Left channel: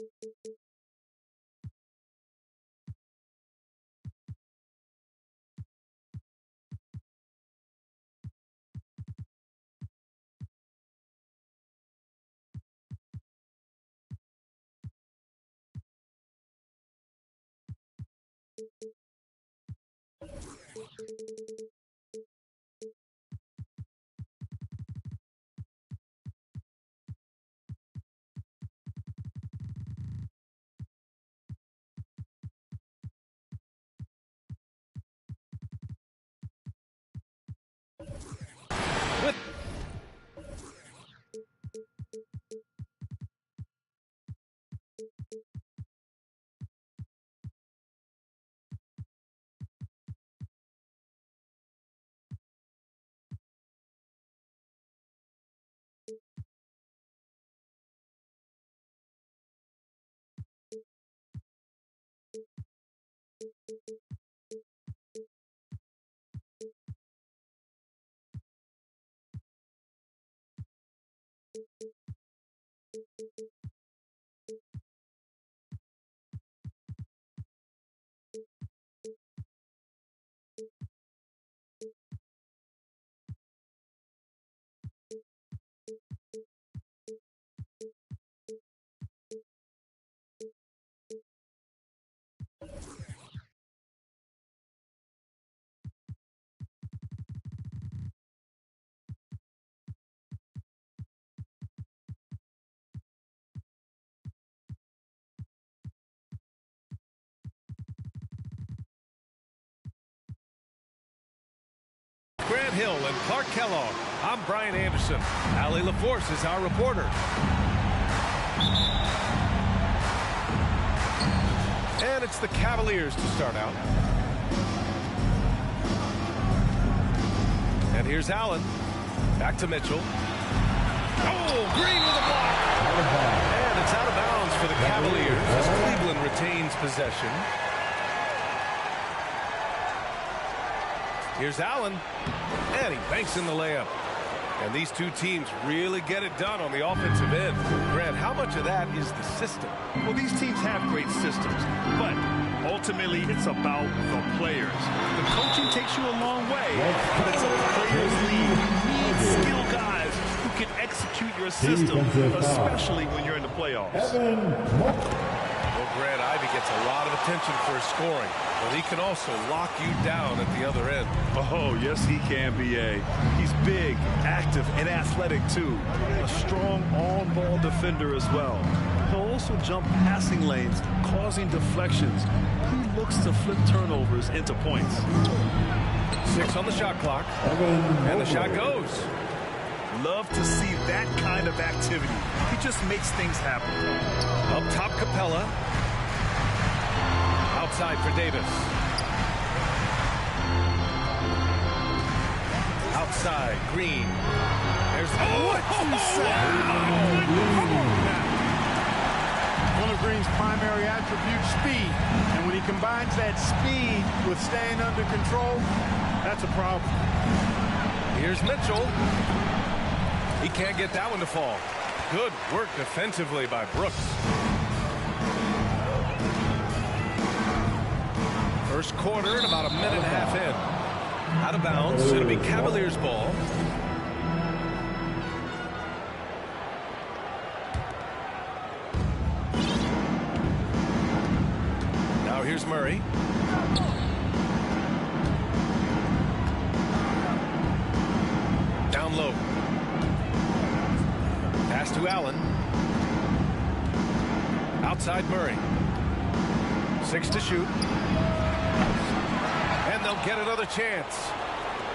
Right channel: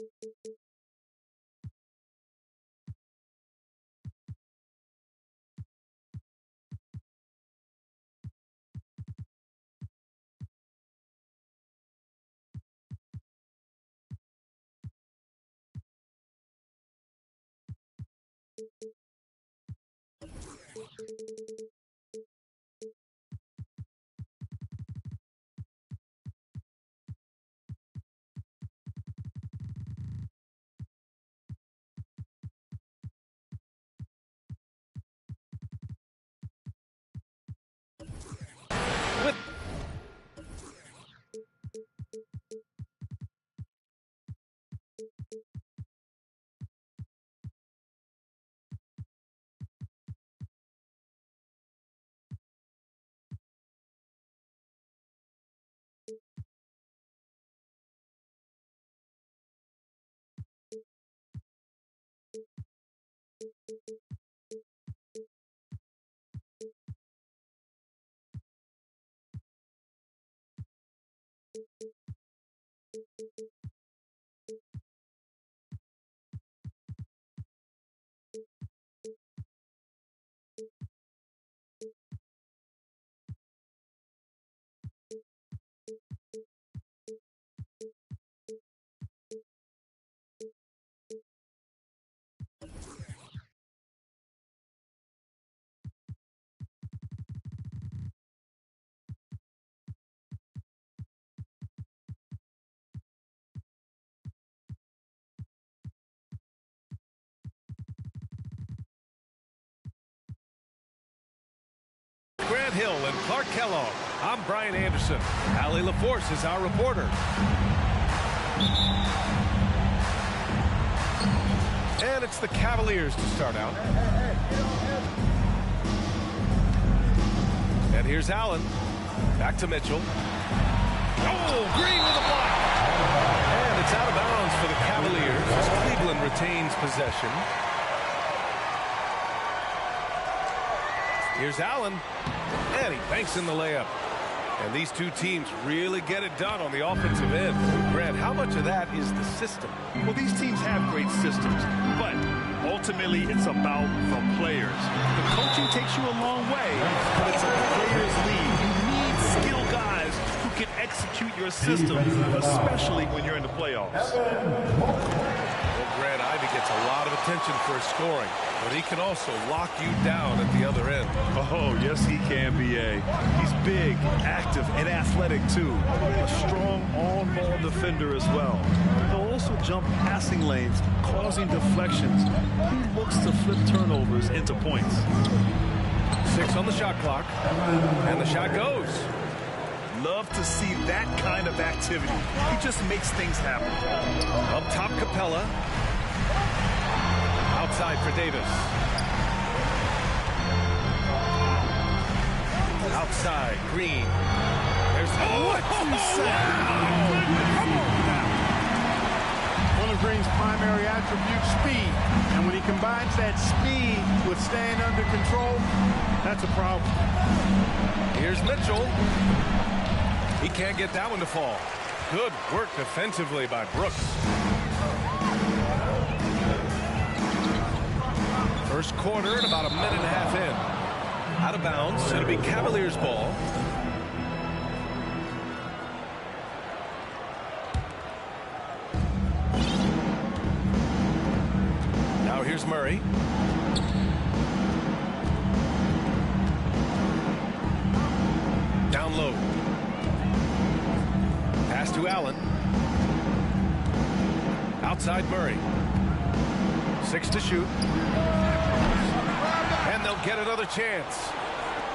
With Grant Hill and Clark Kellogg, I'm Brian Anderson. Allie LaForce is our reporter. And it's the Cavaliers to start out. And here's Allen. Back to Mitchell. Oh, Green with a block. And it's out of bounds for the Cavaliers as Cleveland retains possession. Here's Allen, and he banks in the layup. And these two teams really get it done on the offensive end. Grant, how much of that is the system? Well, these teams have great systems, but ultimately it's about the players. The coaching takes you a long way, but it's a players' league. You need skilled guys who can execute your system, especially when you're in the playoffs. Well, Grant, Ivy gets a lot of attention for his scoring, but he can also lock you down at the other end. Oh, yes, he can, B.A. He's big, active, and athletic, too. A strong on-ball defender as well. He'll also jump passing lanes, causing deflections. He looks to flip turnovers into points. 6 on the shot clock, and the shot goes. Love to see that kind of activity. He just makes things happen. Up top, Capella. Outside for Davis. Outside, Green. There's what you say? Come on now. One of Green's primary attributes, speed. And when he combines that speed with staying under control, that's a problem. Here's Mitchell. He can't get that one to fall. Good work defensively by Brooks. First quarter and about a minute and a half in. Out of bounds. It'll be Cavaliers ball. Now here's Murray. Down low. Pass to Allen. Outside Murray. 6 to shoot. And they'll get another chance.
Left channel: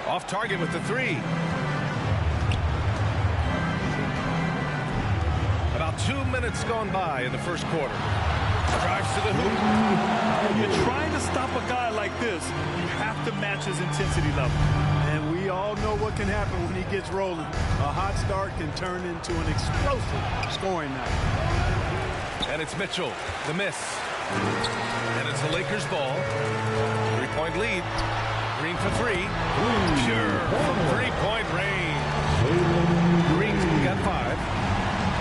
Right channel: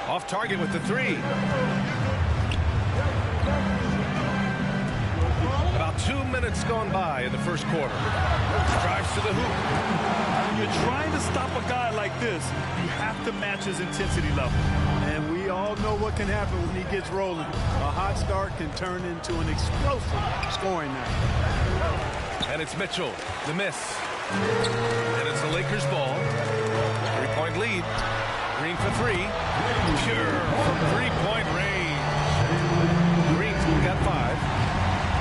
Off target with the 3. About 2 minutes gone by in the first quarter. Drives to the hoop. When you're trying to stop a guy like this, you have to match his intensity level. And we all know what can happen when he gets rolling. A hot start can turn into an explosive scoring night. And it's Mitchell, the miss. And it's the Lakers ball. 3-point lead. Green for 3. Pure from 3-point range. Green's got 5.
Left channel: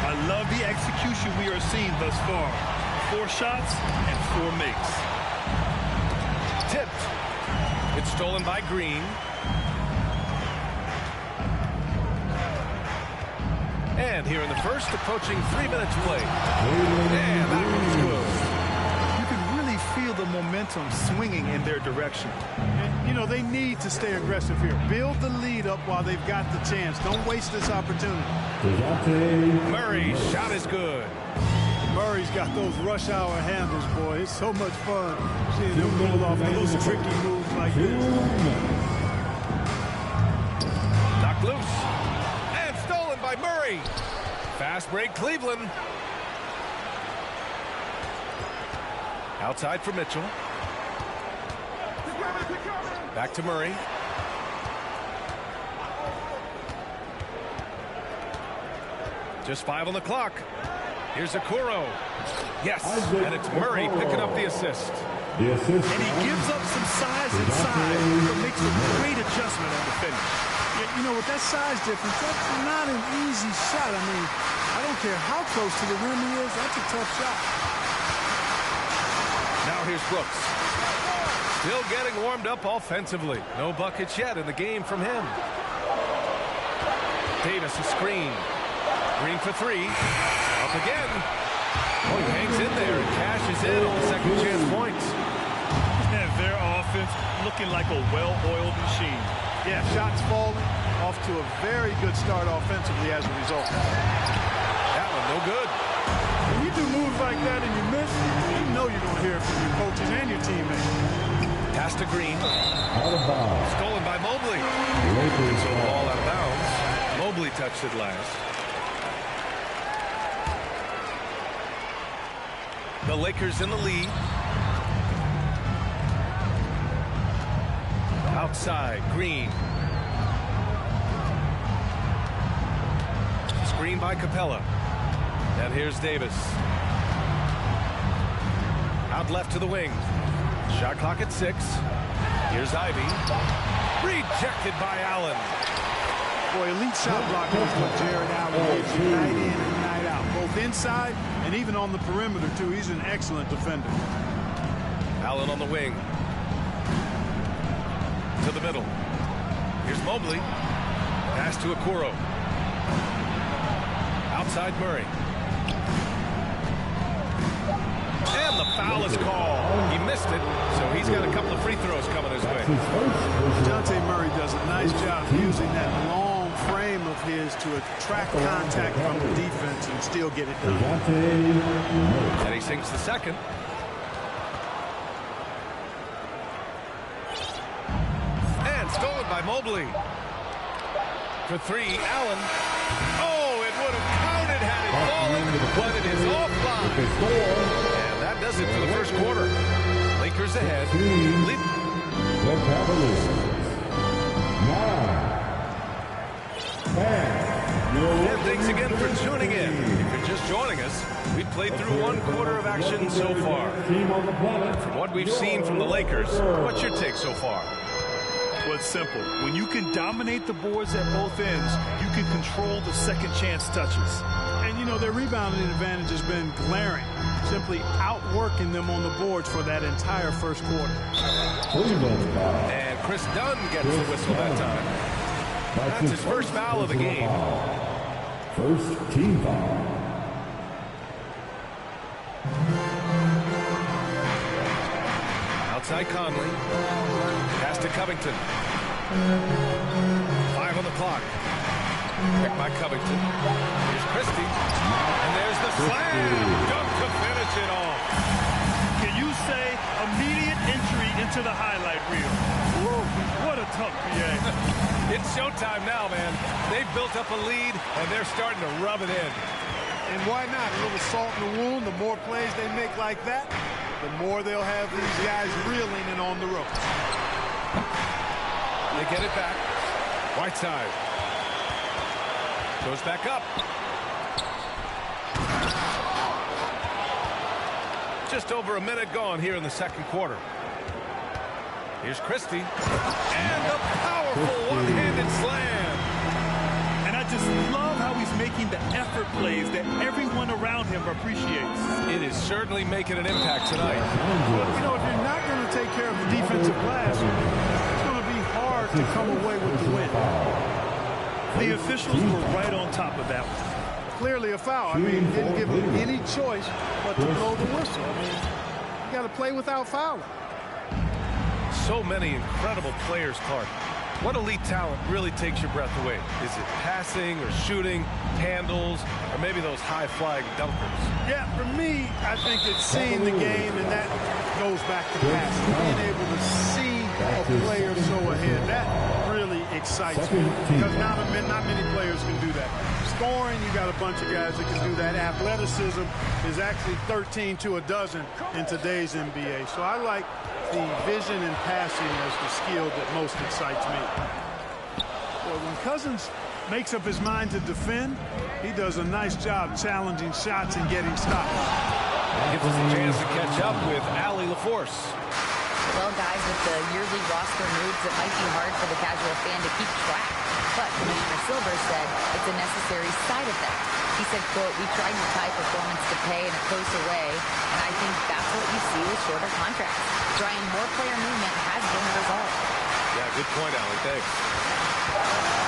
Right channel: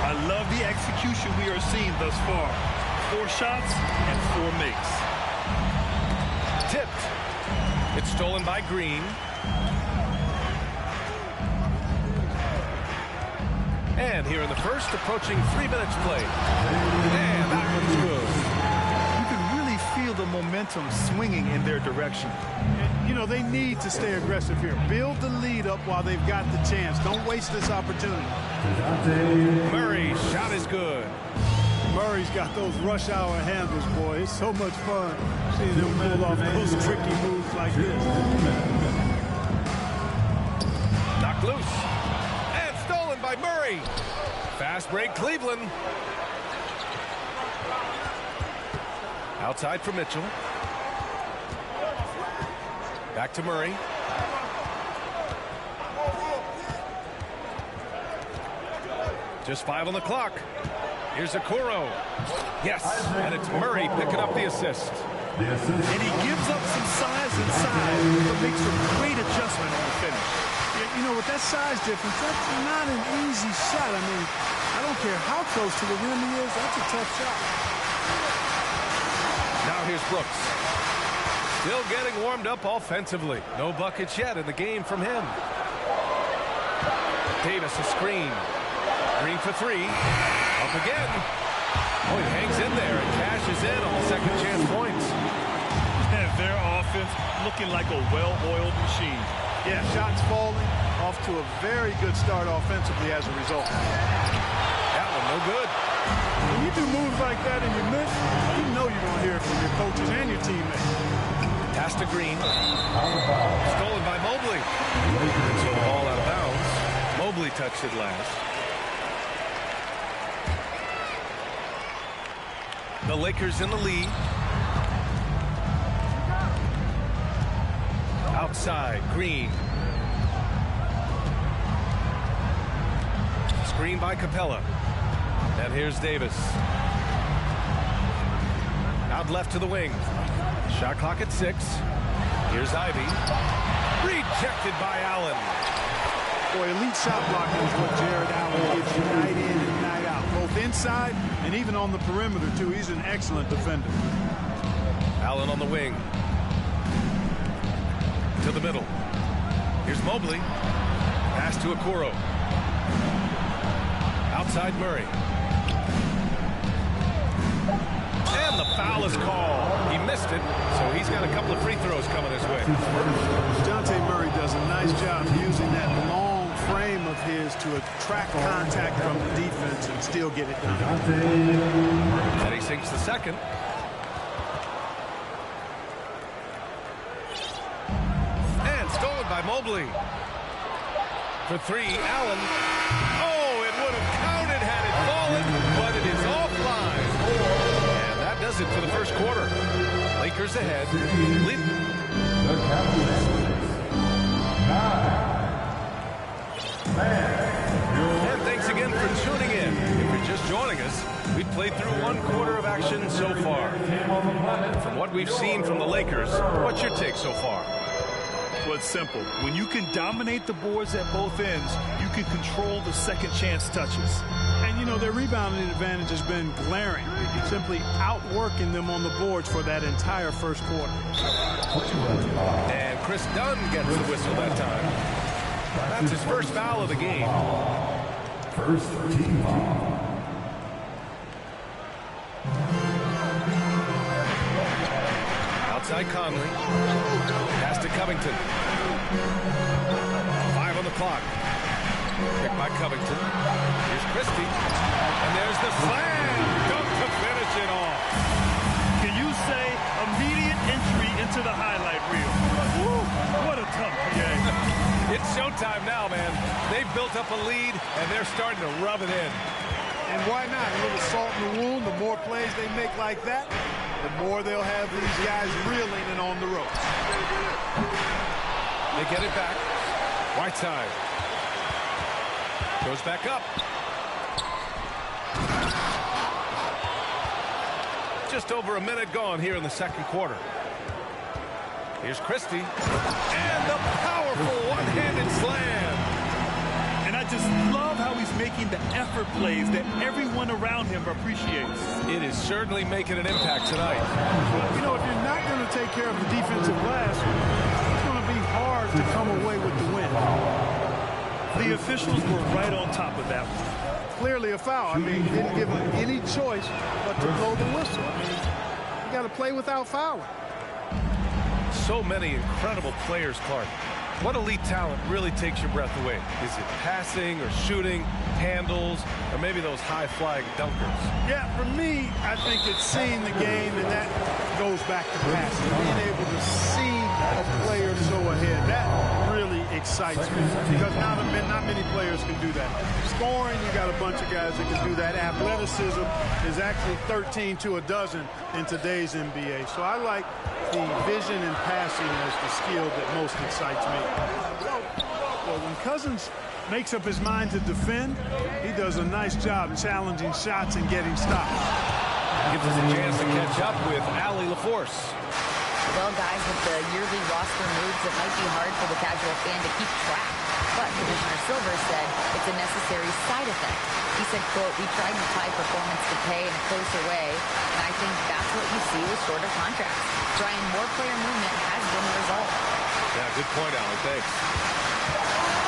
I love the execution we are seeing thus far. 4 shots and 4 makes. Tipped. It's stolen by Green. And here in the first, approaching 3 minutes played. And that one's good. You can really feel the momentum swinging in their direction. And, you know, they need to stay aggressive here. Build the lead up while they've got the chance. Don't waste this opportunity. Murray's shot is good. Murray's got those rush hour handles, boy. It's so much fun seeing him pull off those tricky moves like this. Knocked loose. And stolen by Murray. Fast break, Cleveland. Outside for Mitchell. Back to Murray. Just 5 on the clock. Here's Okoro. Yes, and it's Murray picking up the assist. And he gives up some size inside, but makes a great adjustment on the finish. Yeah, you know, with that size difference, that's not an easy shot. I mean, I don't care how close to the rim he is. That's a tough shot. Now here's Brooks. Still getting warmed up offensively. No buckets yet in the game from him. Davis a screen. Green for 3. Up again. Oh, he hangs in there and cashes in on the second chance points. And their offense looking like a well-oiled machine. Yeah, shots falling, off to a very good start offensively as a result. That one no good. When you do moves like that and you miss, you know you're going to hear it from your coaches and your teammates. Pass to Green. Stolen by Mobley. And so the ball out of bounds. Mobley touched it last. The Lakers in the lead. Outside, Green. Screen by Capella. And here's Davis. Out left to the wing. Shot clock at 6. Here's Ivy. Rejected by Allen. Boy, elite shot blocking is what Jared Allen gives you night in and night out. Both inside and even on the perimeter, too. He's an excellent defender. Allen on the wing. To the middle. Here's Mobley. Pass to Okoro. Outside Murray. And the foul is called. He missed it, so he's got a couple of free throws coming his way. Dejounte Murray does a nice job using that long frame of his to attract contact from the defense and still get it done. And he sinks the second. And stolen by Mobley. For 3, Allen. Oh, it would have counted had it fallen, but it is offline. And that does it for the first quarter. Lakers ahead. The Cavaliers. 9. And thanks again for tuning in. If you're just joining us, we've played through 1 quarter of action so far. From what we've seen from the Lakers, what's your take so far? Well, it's simple. When you can dominate the boards at both ends, you can control the second chance touches. And, you know, their rebounding advantage has been glaring. Simply outworking them on the boards for that entire first quarter. And Chris Dunn gets the whistle that time. That's his first foul of the game. First team foul. Outside Conley. Pass to Covington. 5 on the clock. Picked by Covington. Here's Christie. And there's the slam. Dunk to finish it off. Can you say immediate entry into the highlight reel? Woo, what a dunk, PA. It's showtime now, man. They've built up a lead, and they're starting to rub it in. And why not? A little salt in the wound. The more plays they make like that, the more they'll have these guys reeling and on the ropes. They get it back. Whiteside. Goes back up. Just over a minute gone here in the second quarter. Here's Christie. And the powerful one-handed slam. And I just love how he's making the effort plays that everyone around him appreciates. It is certainly making an impact tonight. Well, you know, if you're not going to take care of the defensive glass, it's going to be hard to come away with the win. The officials were right on top of that one. Clearly a foul. I mean, didn't give him any choice but to blow the whistle. I mean, you got to play without fouling. So many incredible players, Clark. What elite talent really takes your breath away? Is it passing or shooting, handles, or maybe those high-flying dunkers? Yeah, for me, I think it's seeing the game, and that goes back to passing. Being able to see a player so ahead, that really excites me because not many players can do that. Scoring, you got a bunch of guys that can do that. Athleticism is actually 13 to a dozen in today's NBA. So I like the vision and passing as the skill that most excites me. Boy, when Cousins makes up his mind to defend, he does a nice job challenging shots and getting stops. Gives us a chance to catch up with Allie LaForce. Well, guys, with the yearly roster moves, it might be hard for the casual fan to keep track. But Commissioner Silver said it's a necessary side effect. He said, quote, "We tried to tie performance to pay in a closer way, and I think that's what you see with shorter contracts. Trying more player movement has been the result." Yeah, good point, Allie. Thanks.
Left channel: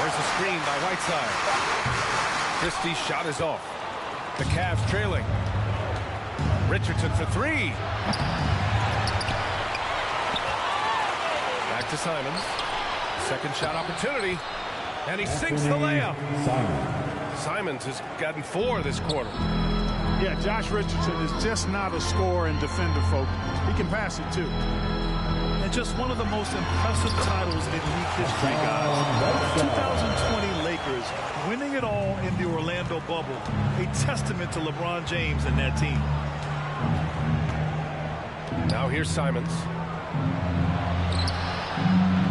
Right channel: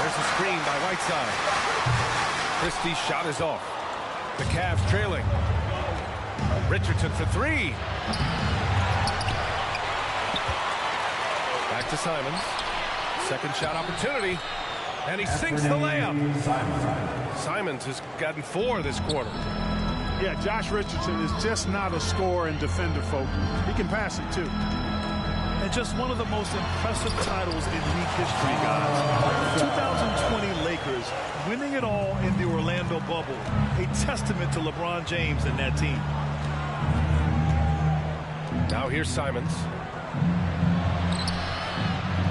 There's a screen by Whiteside. Christie's shot is off. The Cavs trailing. Richardson for three. Back to Simons. Second shot opportunity. And he sinks the layup. Simons has gotten 4 this quarter. Yeah, Josh Richardson is just not a scorer and defender, folks. He can pass it, too. And just one of the most impressive titles in league history, guys. 2020 Lakers winning it all in the Orlando bubble. A testament to LeBron James and that team. Now here's Simons.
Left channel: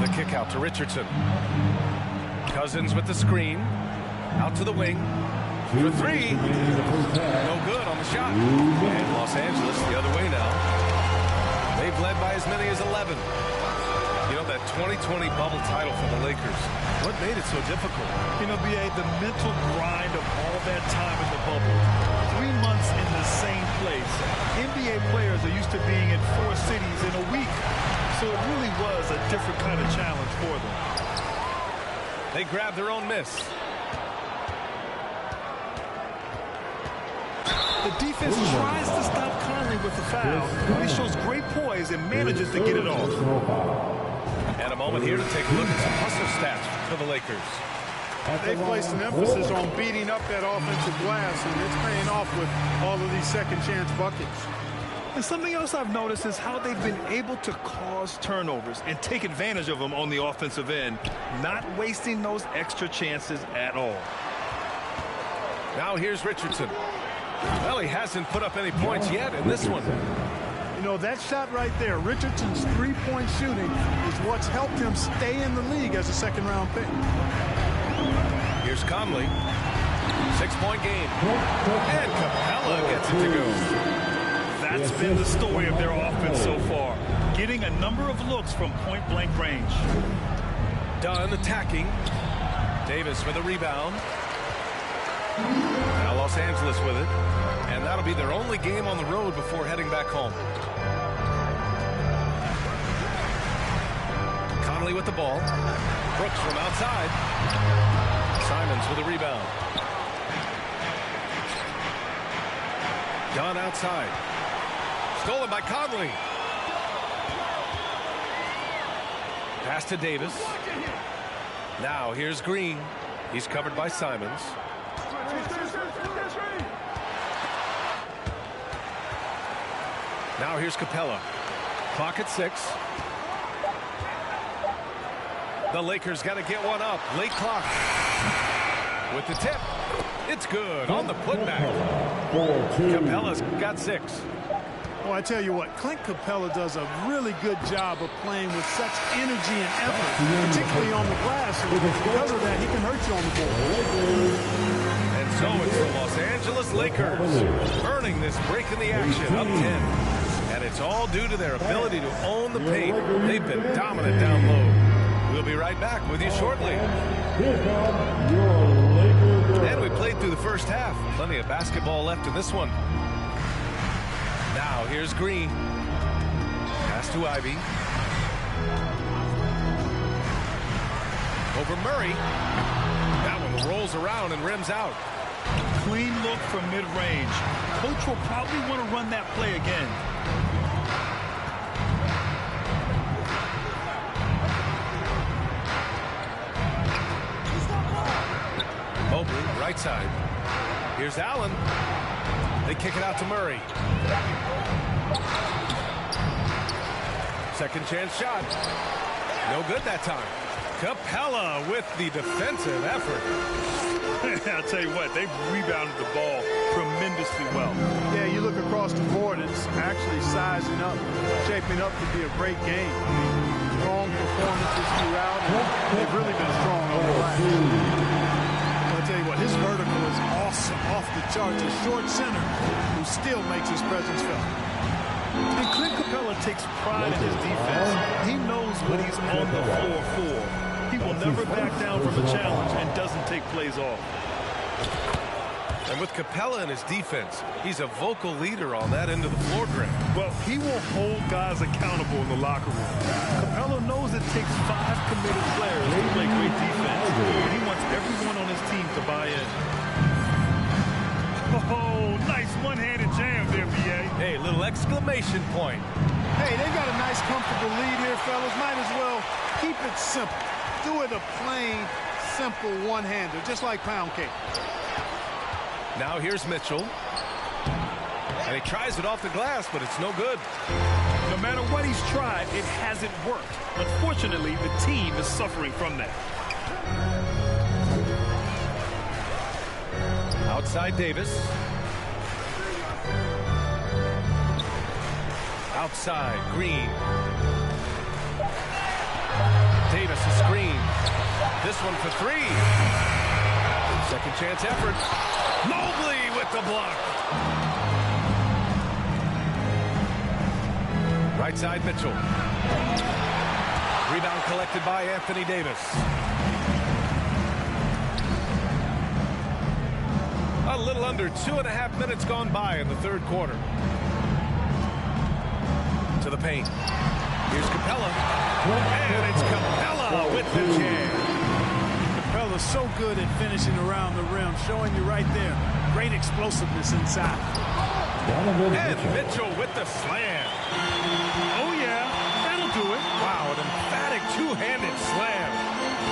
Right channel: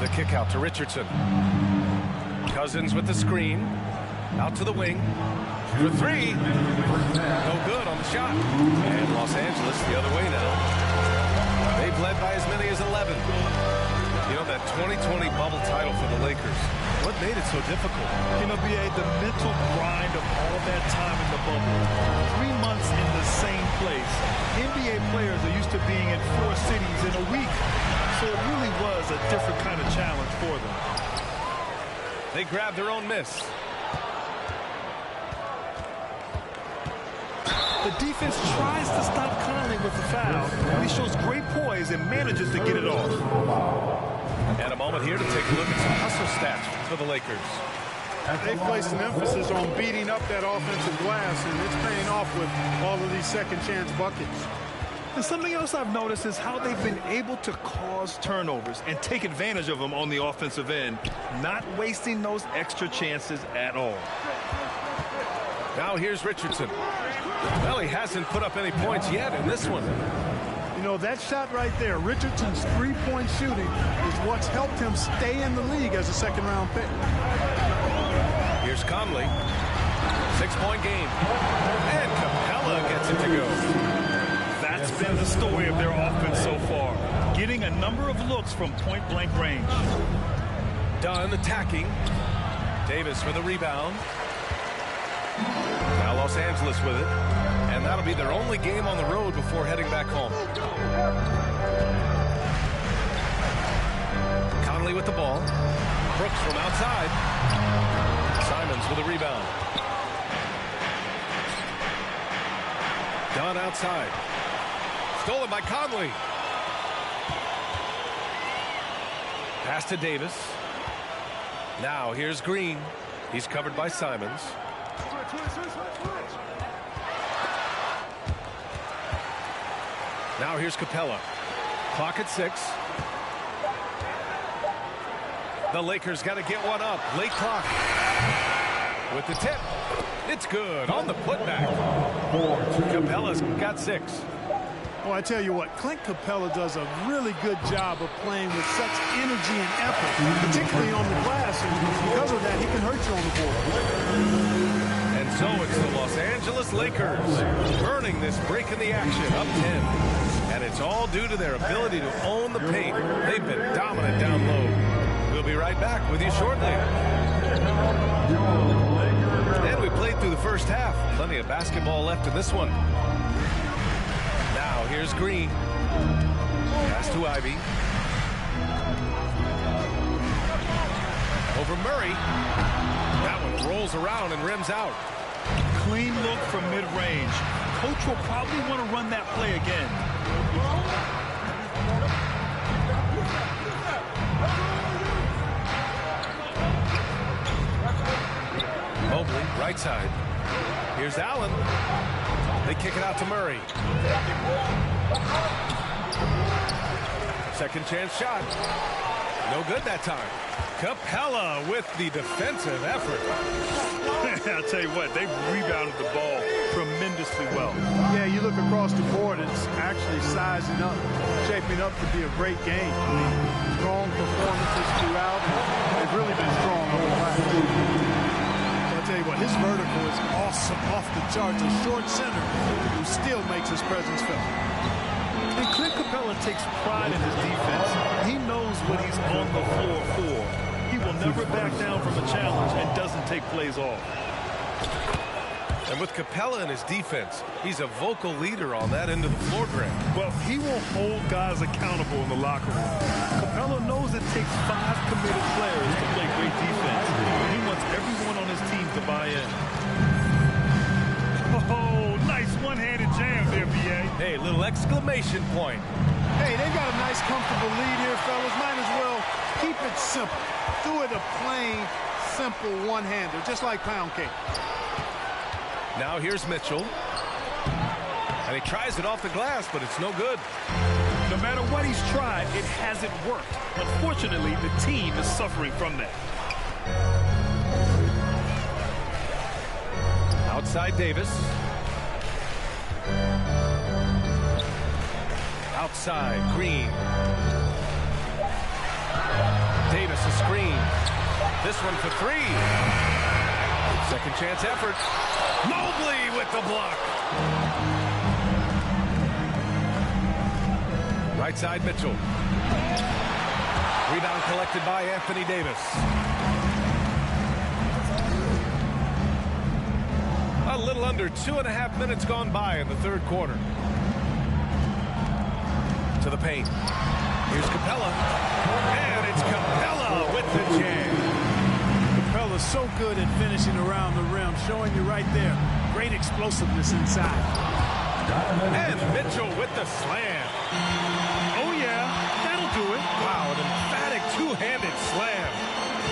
The kick out to Richardson. Cousins with the screen. Out to the wing. For three. No good on the shot. And Los Angeles the other way now. They've led by as many as 11. You know, that 2020 bubble title for the Lakers, what made it so difficult? You know, B.A., the mental grind of all that time in the bubble. 3 months in the same place. NBA players are used to being in 4 cities in a week. So it really was a different kind of challenge for them. They grabbed their own miss. The defense tries to stop Conley with the foul, but he shows great poise and manages to get it off. And a moment here to take a look at some hustle stats for the Lakers. They've placed an emphasis on beating up that offensive glass, and it's paying off with all of these second-chance buckets. And something else I've noticed is how they've been able to cause turnovers and take advantage of them on the offensive end, not wasting those extra chances at all. Now here's Richardson. Well, he hasn't put up any points yet in this one. You know, that shot right there, Richardson's three-point shooting, is what's helped him stay in the league as a second-round pick. Here's Conley. 6-point game. And Capella gets it to go. That's been the story of their offense so far, getting a number of looks from point-blank range. Dunn attacking. Davis with a rebound. Now Los Angeles with it. And that'll be their only game on the road before heading back home. Conley with the ball. Brooks from outside. Simons with a rebound. Dunn outside. Stolen by Conley. Pass to Davis. Now here's Green. He's covered by Simons. Now here's Capella. Clock at 6. The Lakers got to get one up. Late clock. With the tip. It's good on the putback. Capella's got 6. Well, I tell you what, Clint Capella does a really good job of playing with such energy and effort, particularly on the glass, and because of that, he can hurt you on the board. And so it's the Los Angeles Lakers earning this break in the action, up 10. And it's all due to their ability to own the paint. They've been dominant down low. We'll be right back with you shortly. Here comes your through the first half. Plenty of basketball left in this one. Now here's Green. Pass to Ivy. Over Murray. That one rolls around and rims out. Clean look from mid-range. Coach will probably want to run that play again. Mobley, right side. Here's Allen. They kick it out to Murray. Second chance shot. No good that time. Capella with the defensive effort. I'll tell you what, they've rebounded the ball tremendously well. Yeah, you look across the board, it's actually sizing up, shaping up to be a great game. I mean, strong performances throughout, and they've really been strong on the glass. Well, I'll tell you what, his vertical is awesome, off the charts. A short center who still makes his presence felt. And Clint Capella takes pride in his defense. He knows what he's on the floor for. He will never back down from a challenge and doesn't take plays off. And with Capella in his defense, he's a vocal leader on that end of the floor, Grant. Well, he will hold guys accountable in the locker room. Capella knows it takes 5 committed players to play great defense, and he wants everyone on his team to buy in. Oh, nice one-handed jam there, B.A. Hey, little exclamation point. Hey, they've got a nice, comfortable lead here, fellas. Might as well keep it simple. Do it a plain, simple one-hander, just like pound cake. Now here's Mitchell. And he tries it off the glass, but it's no good. No matter what he's tried, it hasn't worked. Unfortunately, the team is suffering from that. Outside Davis. Outside Green. Davis a screen. This one for 3. Second chance effort. Mobley with the block. Right side Mitchell. Rebound collected by Anthony Davis. A little under 2.5 minutes gone by in the third quarter. To the paint. Here's Capella. And it's Capella with the jam. Capella's so good at finishing around the rim, showing you right there. Great explosiveness inside. And Mitchell with the slam. Oh, yeah, that'll do it. Wow, an emphatic two-handed slam.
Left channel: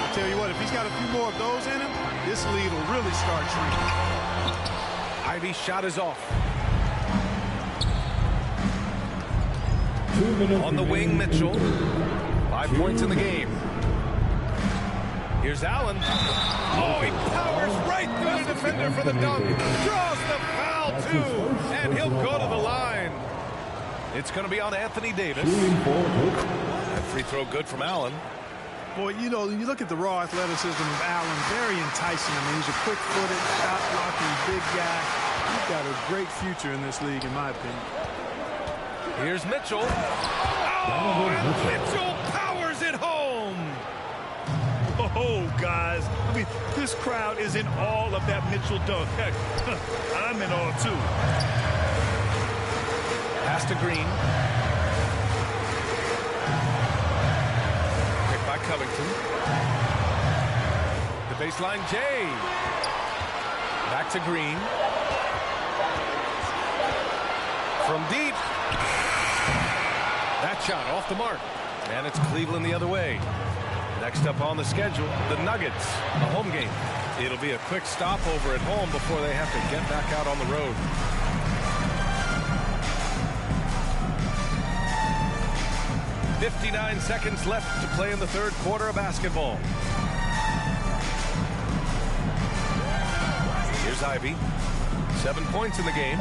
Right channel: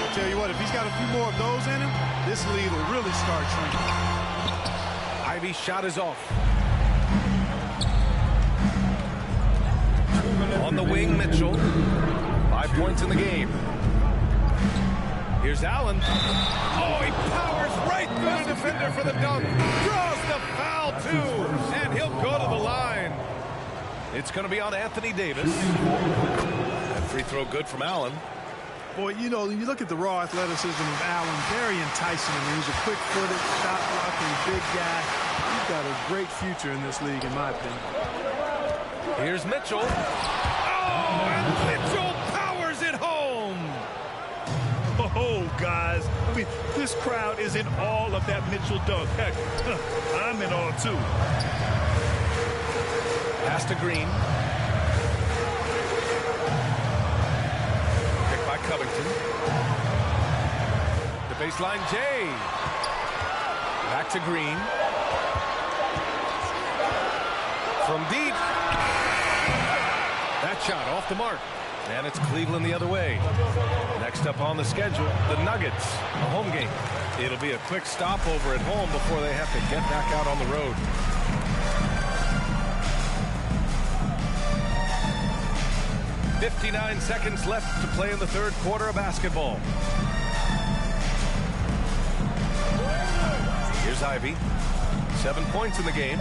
I'll tell you what, if he's got a few more of those in him, this lead will really start shrinking. Ivy's shot is off. On the wing, Mitchell. 5 points in the game. Here's Allen. Oh, he powers right through the defender for the dunk. Draws the foul, too. And he'll go to the line. It's going to be on Anthony Davis. That free throw good from Allen. Boy, you know, you look at the raw athleticism of Allen, very enticing. I mean, he's a quick-footed, shot-blocking, big guy. He's got a great future in this league, in my opinion. Here's Mitchell. Oh, and Mitchell powers it home. Oh, guys, I mean, this crowd is in awe of that Mitchell dunk. Heck, I'm in awe, too. Pass to Green. Picked by Covington. The baseline, Jay. Back to Green. From deep. That shot off the mark. And it's Cleveland the other way. Next up on the schedule, the Nuggets, a home game. It'll be a quick stopover at home before they have to get back out on the road. "59 seconds left to play in the third quarter of basketball. Here's Ivy. 7 points in the game.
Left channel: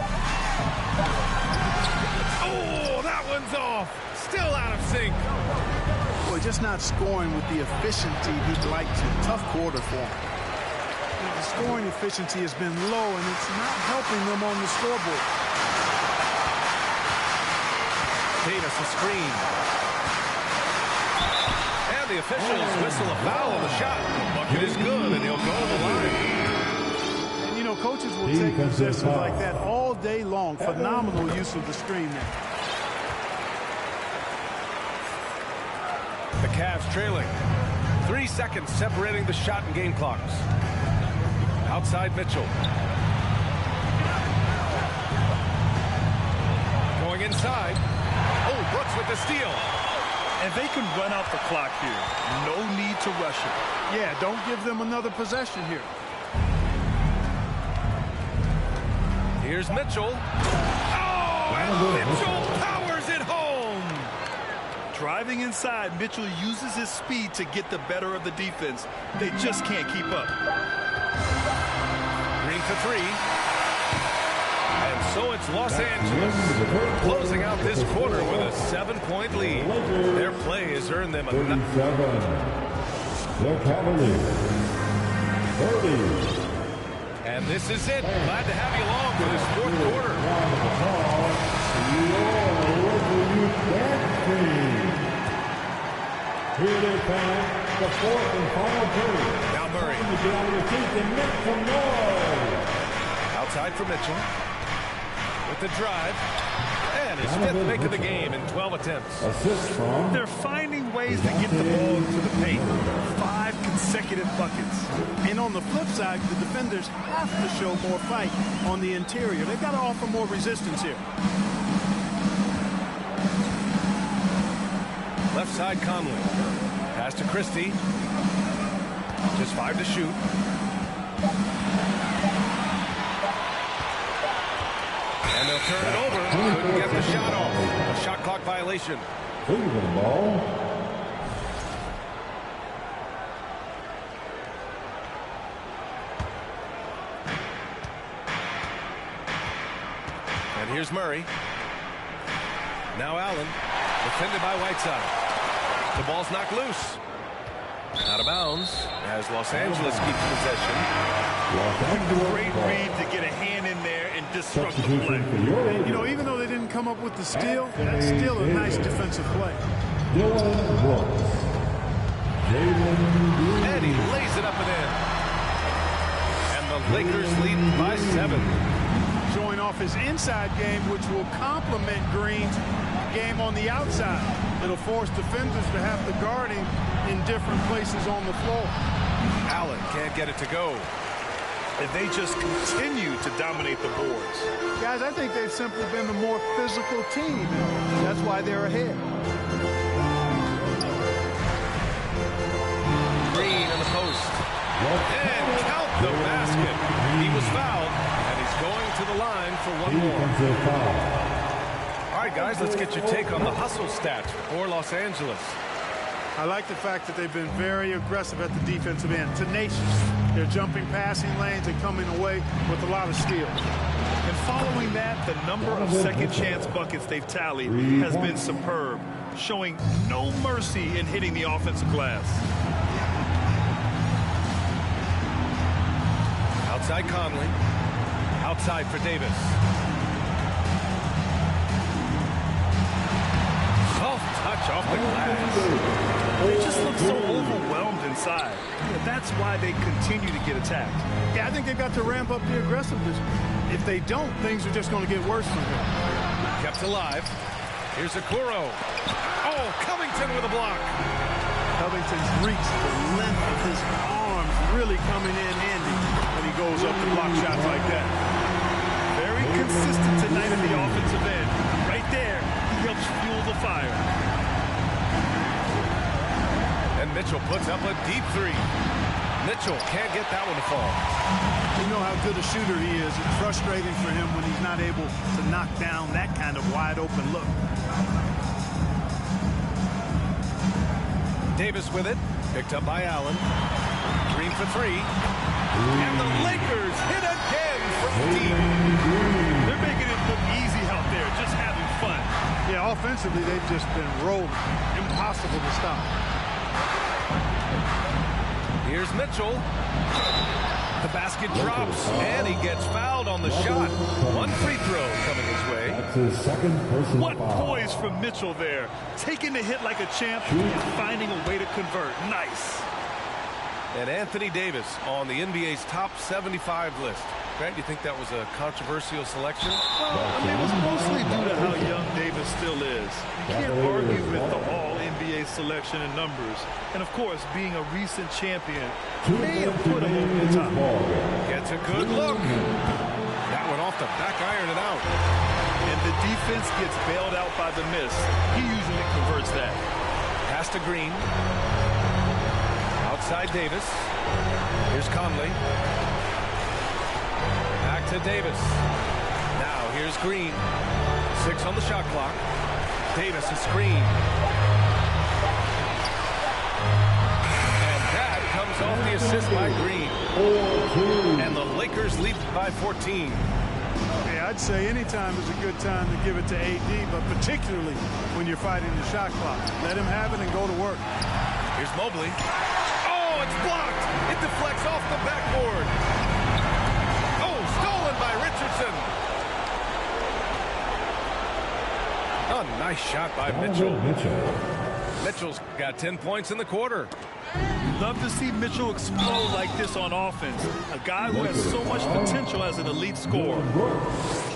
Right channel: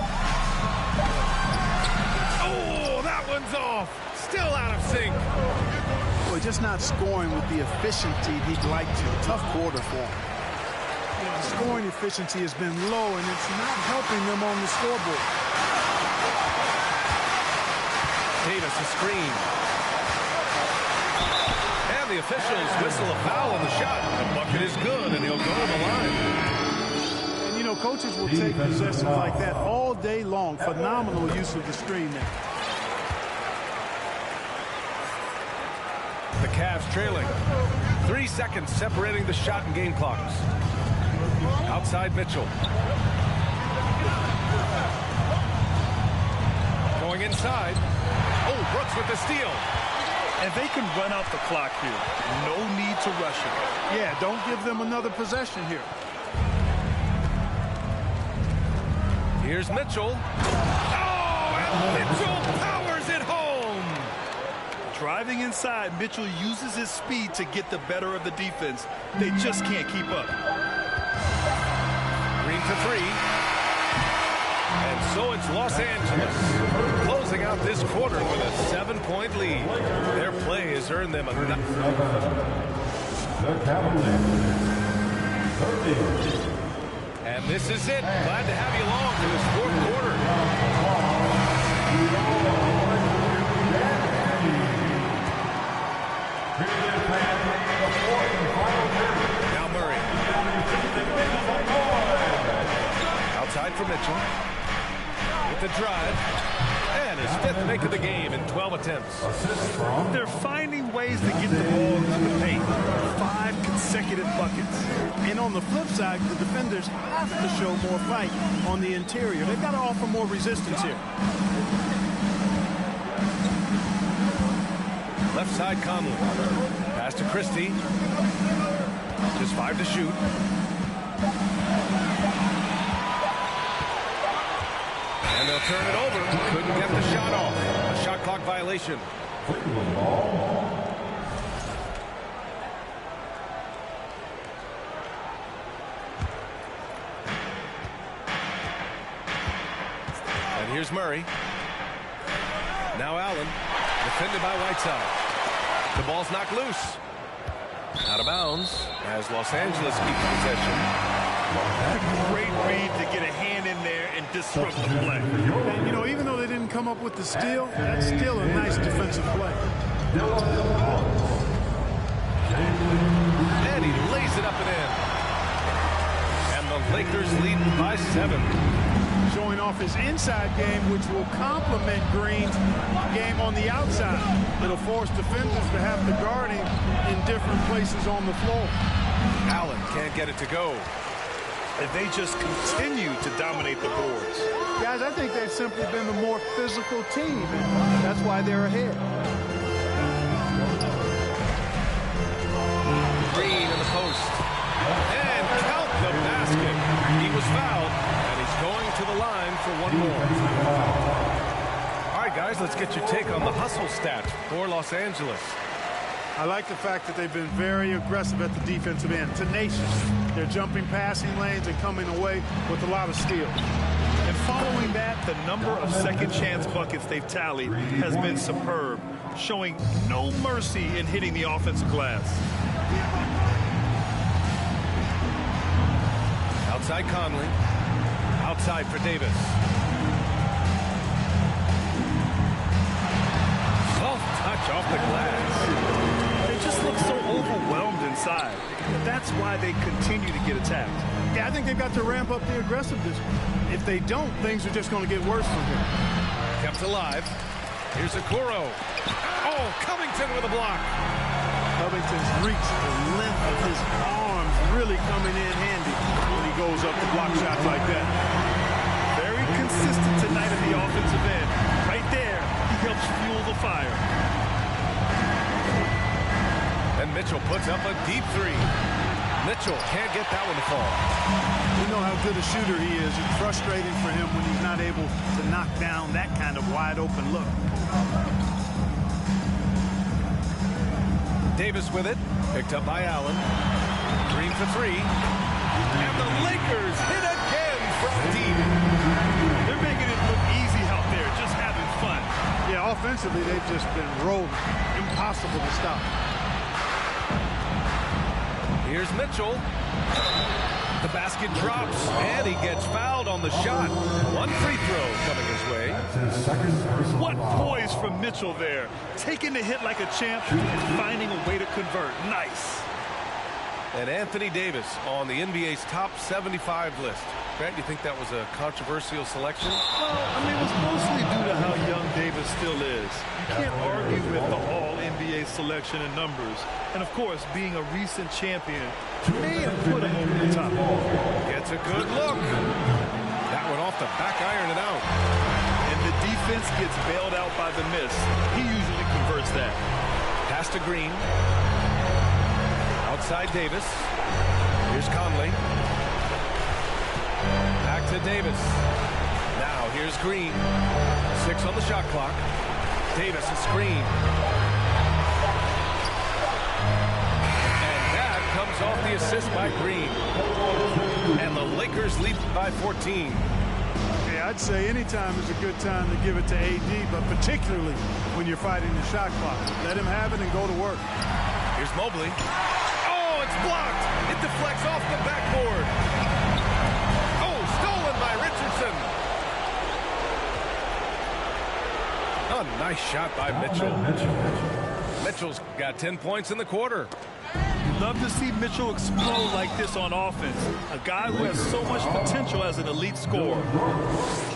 Oh, that one's off. Still out of sync. Boy, just not scoring with the efficiency he'd like to. Tough quarter for him. You know, the scoring efficiency has been low, and it's not helping them on the scoreboard. Davis a screen. And the officials whistle a foul on the shot. The bucket is good, and he'll go to the line. And, you know, know, coaches will take possessions like that all day long. Phenomenal use of the screen there. The Cavs trailing. 3 seconds separating the shot and game clocks. Outside Mitchell. Going inside. Oh, Brooks with the steal. And they can run out the clock here. No need to rush it. Yeah, don't give them another possession here. Here's Mitchell. Oh, and Mitchell powers it home. Driving inside, Mitchell uses his speed to get the better of the defense. They just can't keep up. Green for three. And so it's Los Angeles closing out this quarter with a 7-point lead. Their play has earned them a... The Cavaliers. 30. And this is it. Glad to have you along for this fourth quarter. Here it is, fans. The fourth and final period. Now Murray. Outside for Mitchell. With the drive. And his fifth make of the game in 12 attempts. They're finding ways to get the ball into the paint. 5 consecutive buckets. And on the flip side, the defenders have to show more fight on the interior. They've got to offer more resistance here. Left side Conley. Pass to Christie. Just 5 to shoot. And they'll turn it over. Couldn't get the shot off. A shot clock violation. Cleveland ball. And here's Murray. Now Allen. Defended by Whiteside. The ball's knocked loose. Out of bounds as Los Angeles keeps possession. Great read to get a hand in there and disrupt the play. And, you know, even though they didn't come up with the steal, that's still a nice defensive play. And he lays it up and in. And the Lakers lead by 7. Showing off his inside game, which will complement Green's game on the outside. It'll force defenders to have to guard him in different places on the floor. Allen can't get it to go. And they just continue to dominate the boards. Guys, I think they've simply been the more physical team, and that's why they're ahead. Green in the post. And count the basket. He was fouled, and he's going to the line for one more. All right, guys, let's get your take on the hustle stats for Los Angeles. I like the fact that they've been very aggressive at the defensive end, tenacious. They're jumping passing lanes and coming away with a lot of steals. And following that, the number of second chance buckets they've tallied has been superb, showing no mercy in hitting the offensive glass. Outside Conley. Outside for Davis. Soft touch off the glass. They just look so overwhelmed inside. That's why they continue to get attacked. Yeah, I think they've got to ramp up the aggressiveness. If they don't, things are just going to get worse from here. Kept alive. Here's Okoro. Oh, Covington with a block. Covington's reach, the length of his arms really coming in handy when he goes up to block shots like that. Very consistent tonight in the offensive end. Right there, he helps fuel the fire. And Mitchell puts up a deep three. Mitchell can't get that one to fall. We know how good a shooter he is. It's frustrating for him when he's not able to knock down that kind of wide open look. Davis with it. Picked up by Allen. Green for three. And the Lakers hit again from deep. They're making it look easy out there, just having fun. Yeah, offensively, they've just been rolling. Impossible to stop. Here's Mitchell. The basket drops, and he gets fouled on the shot. One free throw coming his way. That's his second personal What foul. poise from Mitchell there. Taking the hit like a champ and finding a way to convert. Nice. And Anthony Davis on the NBA's top 75 list. Grant, you think that was a controversial selection? Well, I mean, it was mostly due to how young Davis still is. You can't argue with the all-NBA selection and numbers. And, of course, being a recent champion may have put him over the top. Gets a good look. That one off the back iron and out. And the defense gets bailed out by the miss. He usually converts that. Pass to Green. Outside Davis. Here's Conley. Back to Davis. Now here's Green. 6 on the shot clock. Davis a screen. And that comes off the assist by Green. And the Lakers lead by 14. Yeah, I'd say any time is a good time to give it to AD, but particularly when you're fighting the shot clock. Let him have it and go to work. Here's Mobley. Oh, it's blocked. It deflects off the backboard. Oh, stolen by Richardson. A nice shot by Mitchell. Mitchell's got 10 points in the quarter. Love to see Mitchell explode like this on offense. A guy who has so much potential as an elite scorer.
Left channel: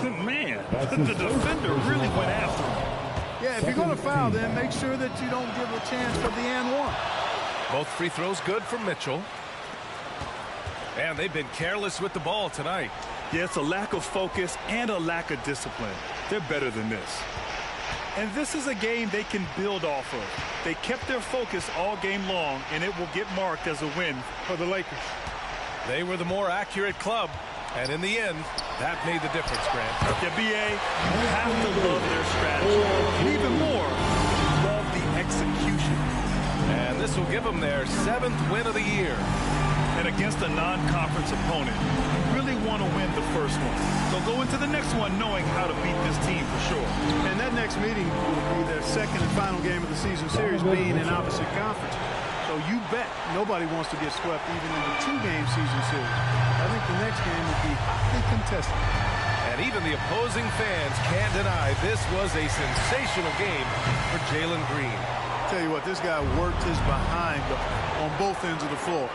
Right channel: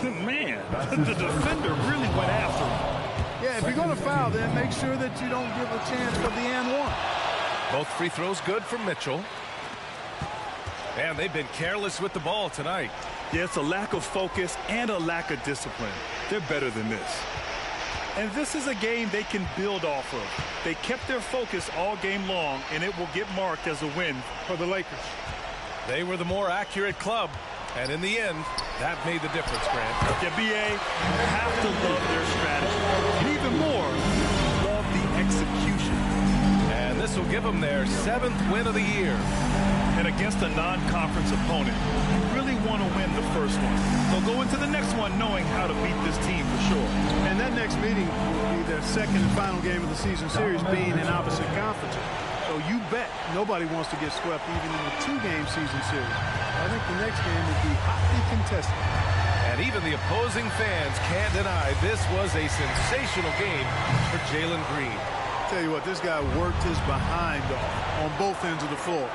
Man, the defender really went after him. Yeah, if you're going to foul, then make sure that you don't give a chance for the and one. Both free throws good from Mitchell. And they've been careless with the ball tonight. Yeah, it's a lack of focus and a lack of discipline. They're better than this. And this is a game they can build off of. They kept their focus all game long, and it will get marked as a win For the Lakers. They were the more accurate club. And in the end, that made the difference, Grant. Yeah, B.A., you have to love their strategy. And even more, love the execution. And this will give them their 7th win of the year. And against a non-conference opponent, you really want to win the first one. They'll go into the next one knowing how to beat this team for sure. And that next meeting will be their second and final game of the season series, being in opposite conferences. So you bet nobody wants to get swept even in a 2-game season series. I think the next game will be hotly contested. And even the opposing fans can't deny this was a sensational game for Jalen Green. Tell you what, this guy worked his behind off on both ends of the floor.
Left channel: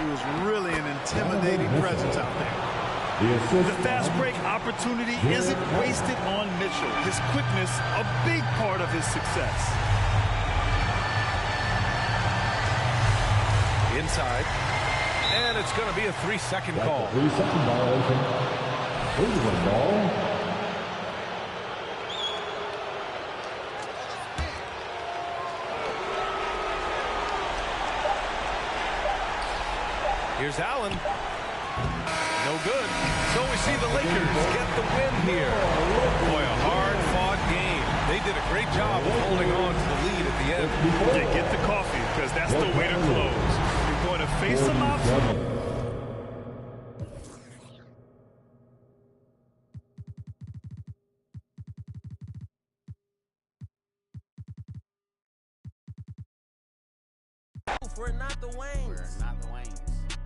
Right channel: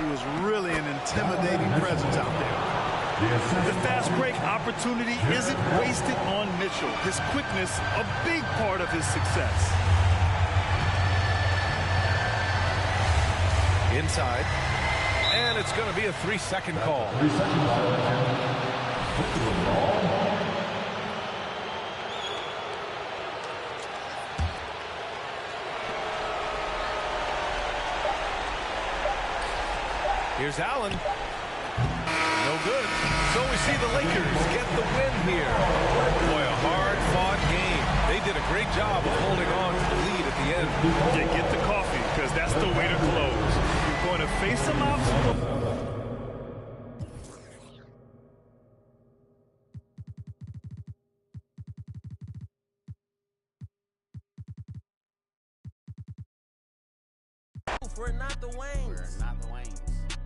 He was really an intimidating presence out there. The fast break opportunity isn't wasted on Mitchell. His quickness, a big part of his success. Inside. And it's going to be a 3-second call. 3-second violation. Cleveland ball. Here's Allen. No good. So we see the Lakers get the win here. Boy, a hard-fought game. They did a great job of holding on to the lead at the end. Yeah, get the coffee, because that's the way to close. You're going to face some obstacles. We're not the Waynes. We're not the Waynes.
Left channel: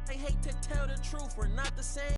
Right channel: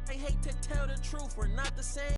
They hate to tell the truth. We're not the same.